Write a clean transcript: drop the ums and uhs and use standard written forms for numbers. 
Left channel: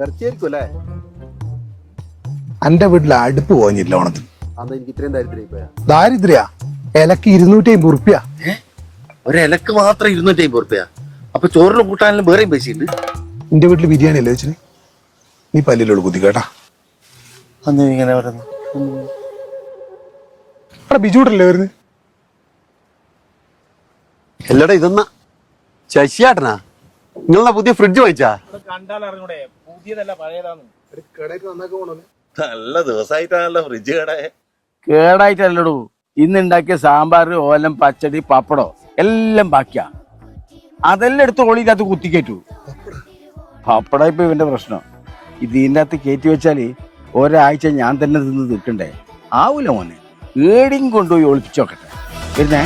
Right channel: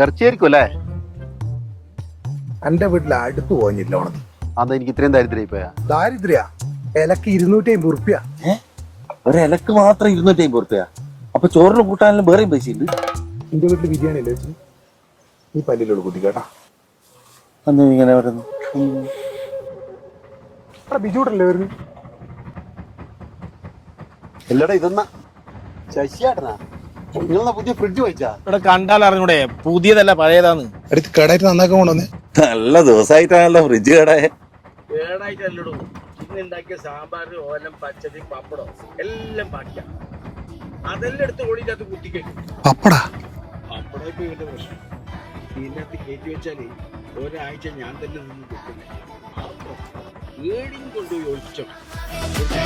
ഇറച്ചിയായിരിക്കും അല്ലേ? എന്റെ വീട്ടിൽ അടുപ്പ് പോഞ്ഞില്ല ഓണത്തിന്. അതാ എനിക്ക് ഇത്രയും ദാരിദ്ര്യം പോയാ. ദാരിദ്ര്യ ഇലക്ക് 250 ഉറുപ്പ്യ. ഒരിലക്ക് മാത്രം 250 ഉറുപ്പ്യ. അപ്പൊ ചോറിന് കൂട്ടാനും വേറെയും പൈസ ഉണ്ട്. എന്റെ വീട്ടിൽ ബിരിയാണി അല്ലേ വെച്ചിന്? നീ പല്ലിലോട് കുത്തി കേട്ടാ. ഇങ്ങനെ പറഞ്ഞു അവിടെ ബിജുട്ടല്ലേ വരുന്നത്? എല്ലാടാ ഇതെന്നാ ശശിയാട്ടനാ? നിങ്ങളെന്നാ പുതിയ ഫ്രിഡ്ജ് വാങ്ങിച്ചാ? ഇവിടെ കണ്ടാൽ അറിഞ്ഞൂടെ പുതിയതല്ല പഴയതാന്ന്. അടുത്ത് കേടായിട്ട് നന്നാക്കാൻ കൊണ്ടുവന്നേ. നല്ല ദിവസമായിട്ടാണല്ലോ ഫ്രിഡ്ജ് കേടായ. കേടായിട്ടല്ലടൂ, ഇന്ന് ഉണ്ടാക്കിയ സാമ്പാർ, ഓലം, പച്ചടി, പപ്പടോ എല്ലാം ബാക്കിയാ. അതെല്ലാം എടുത്ത് ഓളിക്കകത്ത് കുത്തിക്കയറ്റു. പപ്പട ഇപ്പൊ ഇവന്റെ പ്രശ്നം. ഇതിനകത്ത് കയറ്റി വെച്ചാല് ഒരാഴ്ച ഞാൻ തന്നെ തിന്ന് നിൽക്കണ്ടേ? ആവൂല മോനെ, ഏടിയും കൊണ്ടുപോയി ഒളിപ്പിച്ചോക്കട്ടെ. പിന്നെ